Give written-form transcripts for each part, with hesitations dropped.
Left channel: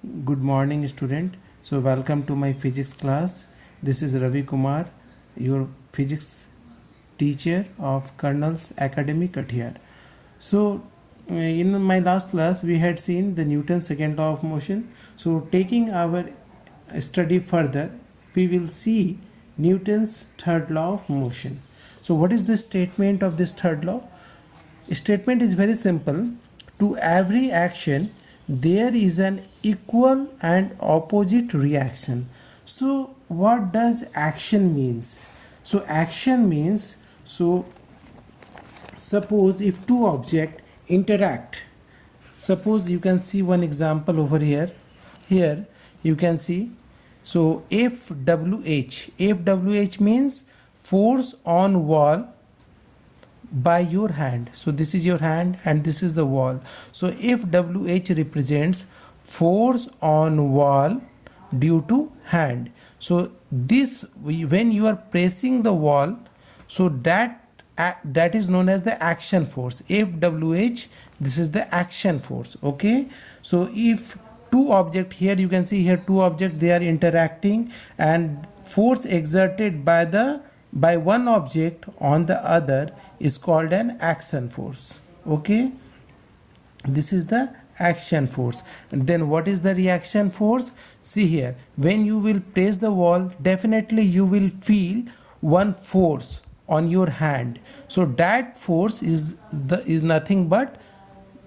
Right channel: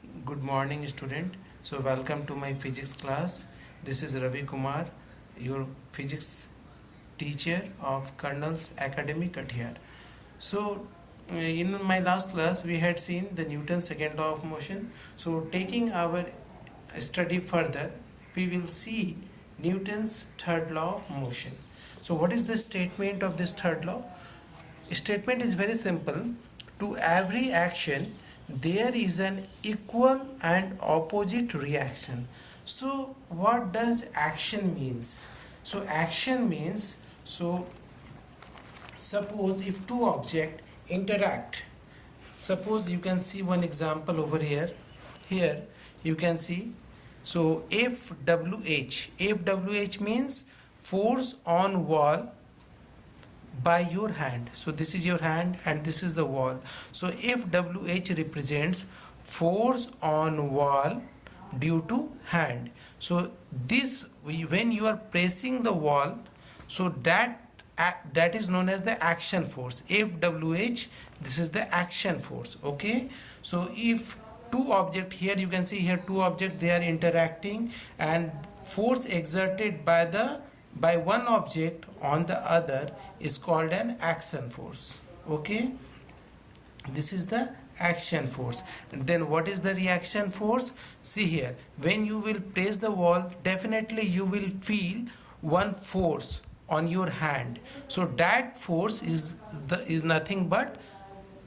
Good morning, student. So, welcome to my physics class. This is Ravi Kumar, your physics teacher of Colonel's Academy, Kathiar. So, in my last class, we had seen the Newton's second law of motion. So, taking our study further, we will see Newton's third law of motion. So, what is the statement of this third law? Statement is very simple. To every action there is an equal and opposite reaction. So what does action means? So action means, suppose if two objects interact, suppose you can see one example over here. Here you can see, so FWH means force on wall by your hand. So this is your hand and this is the wall. So if WH represents force on wall due to hand, so this, when you are pressing the wall, so that is known as the action force. FWH, this is the action force. Okay, so if two objects, here you can see here two objects, they are interacting, and force exerted by one object on the other is called an action force. Okay, this is the action force. And then what is the reaction force? See here, when you will press the wall, definitely you will feel one force on your hand. So that force is nothing but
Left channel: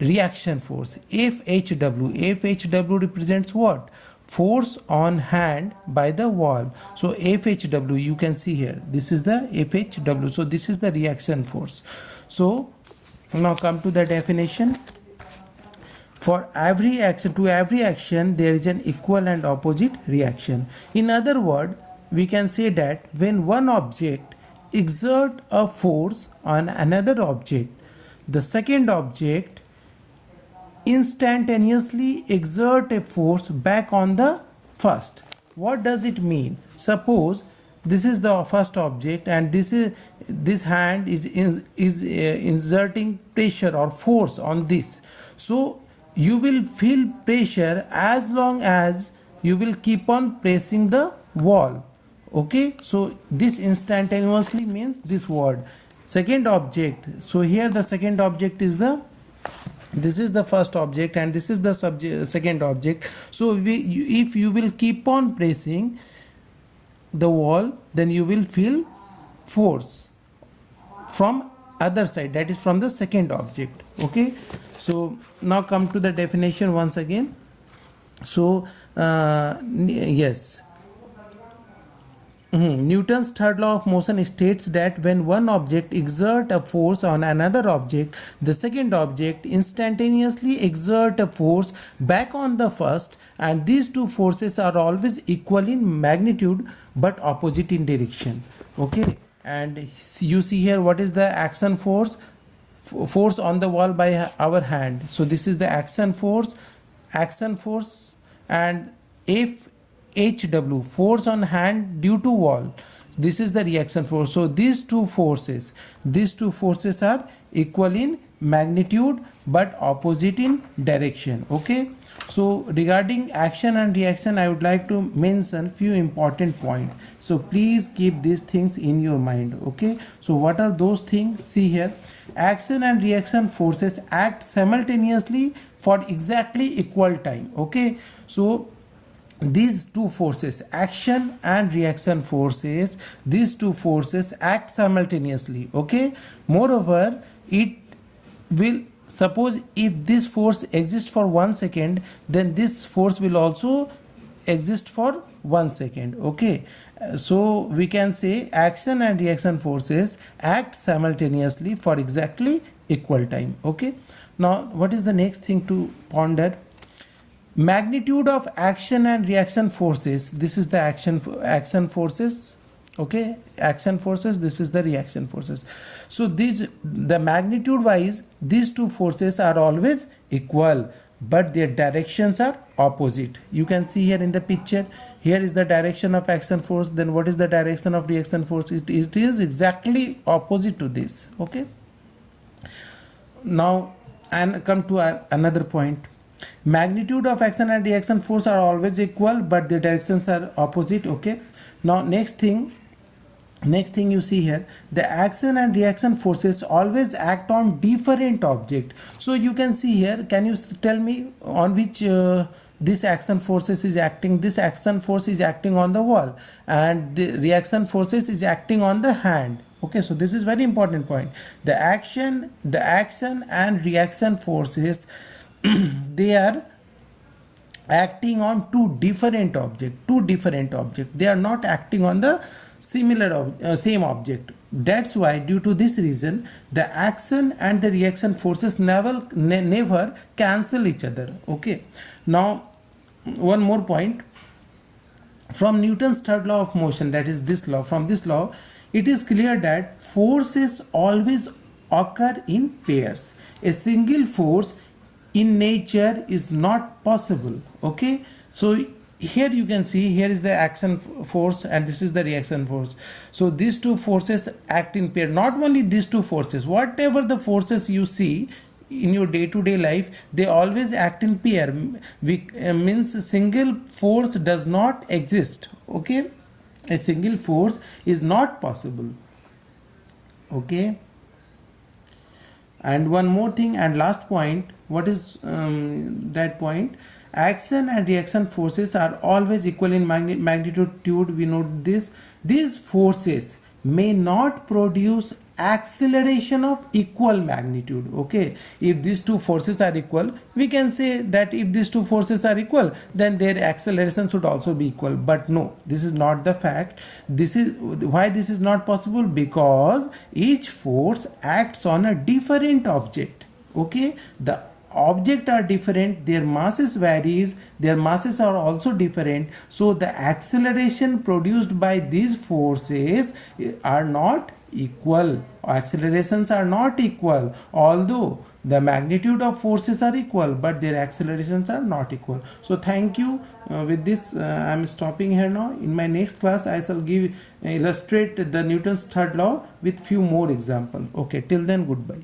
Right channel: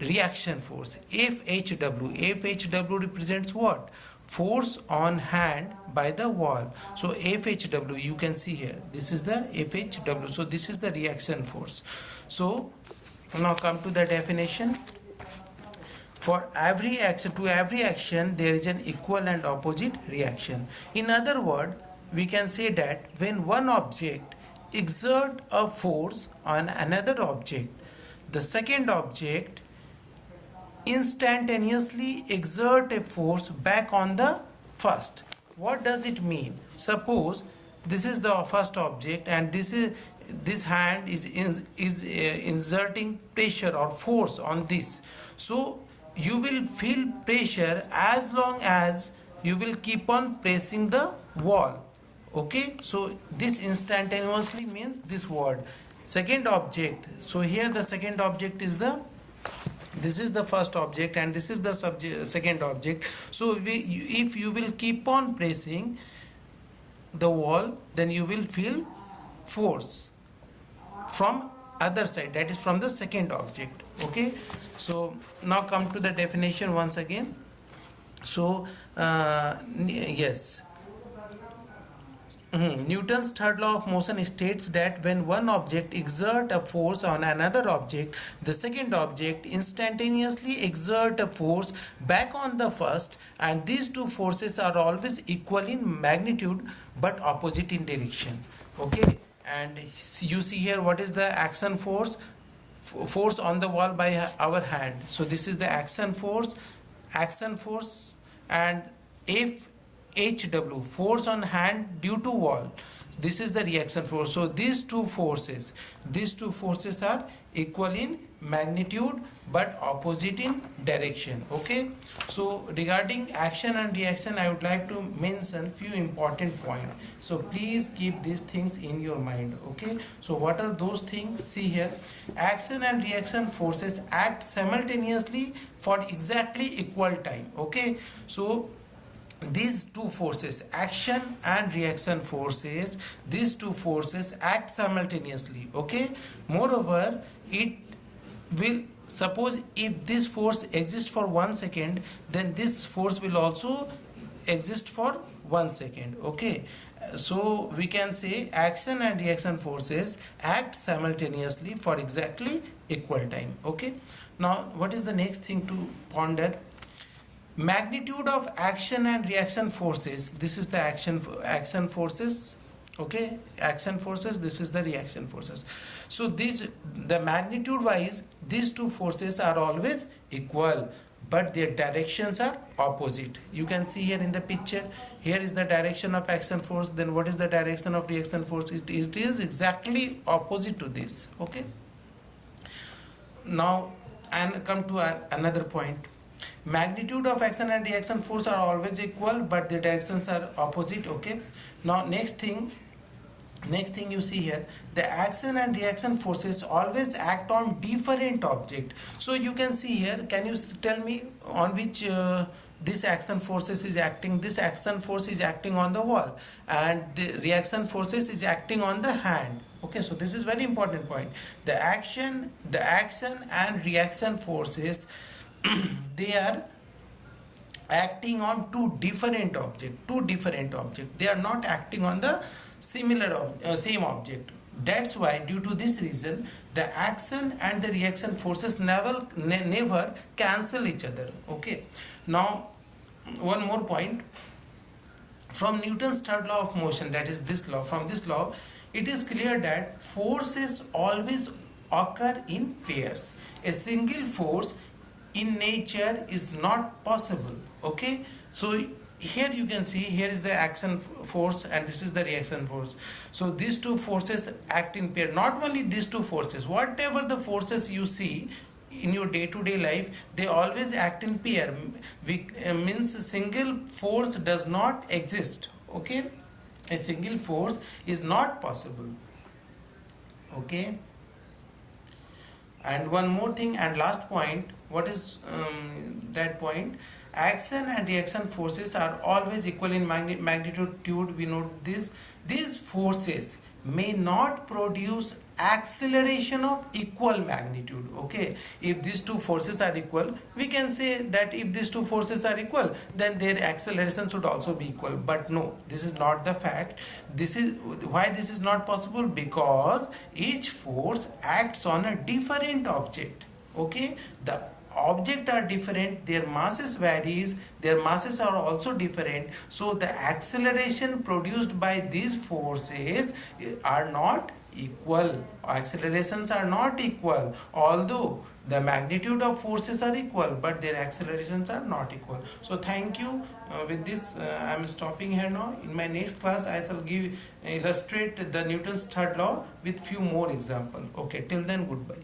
reaction force. FHW represents what? Force on hand by the wall. So FHW, you can see here, this is the FHW. So this is the reaction force. So now come to the definition. For every action, to every action there is an equal and opposite reaction. In other words, we can say that when one object exerts a force on another object, the second object instantaneously exert a force back on the first. What does it mean? Suppose this is the first object and this hand is exerting pressure or force on this. So you will feel pressure as long as you will keep on pressing the wall. Okay, so this instantaneously means this word. Second object, so here the second object is this is the first object and this is the second object. So if you will keep on pressing the wall, then you will feel force from other side, that is from the second object. Okay, so now come to the definition once again. So yes, Newton's third law of motion states that when one object exerts a force on another object, the second object instantaneously exerts a force back on the first, and these two forces are always equal in magnitude but opposite in direction. Okay, and you see here what is the action force? Force on the wall by our hand. So this is the action force, and if HW, force on hand due to wall, this is the reaction force. So these two forces are equal in magnitude but opposite in direction. Okay, so regarding action and reaction, I would like to mention few important points. So please keep these things in your mind. Okay, so what are those things? See here, action and reaction forces act simultaneously for exactly equal time. Okay, so these two forces, action and reaction forces, these two forces act simultaneously. Okay, moreover, it will, suppose if this force exists for 1 second, then this force will also exist for 1 second. Okay, so we can say action and reaction forces act simultaneously for exactly equal time. Okay, now what is the next thing to ponder? Magnitude of action and reaction forces. This is the action forces. Okay, action forces, this is the reaction forces. So the magnitude wise, these two forces are always equal, but their directions are opposite. You can see here in the picture, here is the direction of action force, then what is the direction of reaction force? It is exactly opposite to this. Okay, now and come to another point. Magnitude of action and reaction force are always equal, but the directions are opposite. Okay, now next thing you see here, the action and reaction forces always act on different object. So you can see here, can you tell me on which this action forces is acting? This action force is acting on the wall, and the reaction forces is acting on the hand. Okay, so this is very important point. The action and reaction forces they are acting on two different objects. They are not acting on the same object. That's why, due to this reason, the action and the reaction forces never cancel each other. Okay, now one more point. From Newton's third law of motion, that is this law, from this law it is clear that forces always occur in pairs. A single force in nature is not possible. Okay, so here you can see, here is the action force and this is the reaction force. So these two forces act in pair. Not only these two forces, whatever the forces you see in your day-to-day life, they always act in pair. Means single force does not exist. Okay, a single force is not possible. Okay, and one more thing and last point. What is that point? Action and reaction forces are always equal in magnitude. We note this. These forces may not produce acceleration of equal magnitude. Okay, if these two forces are equal, we can say that if these two forces are equal, then their acceleration should also be equal. But no, this is not the fact. This is why this is not possible, because each force acts on a different object. Okay, the object are different, their masses varies, their masses are also different, so the acceleration produced by these forces are not equal. Accelerations are not equal, although the magnitude of forces are equal, but their accelerations are not equal. So thank you. With this I am stopping here now. In my next class I shall illustrate the Newton's third law with few more examples. Okay, till then, goodbye.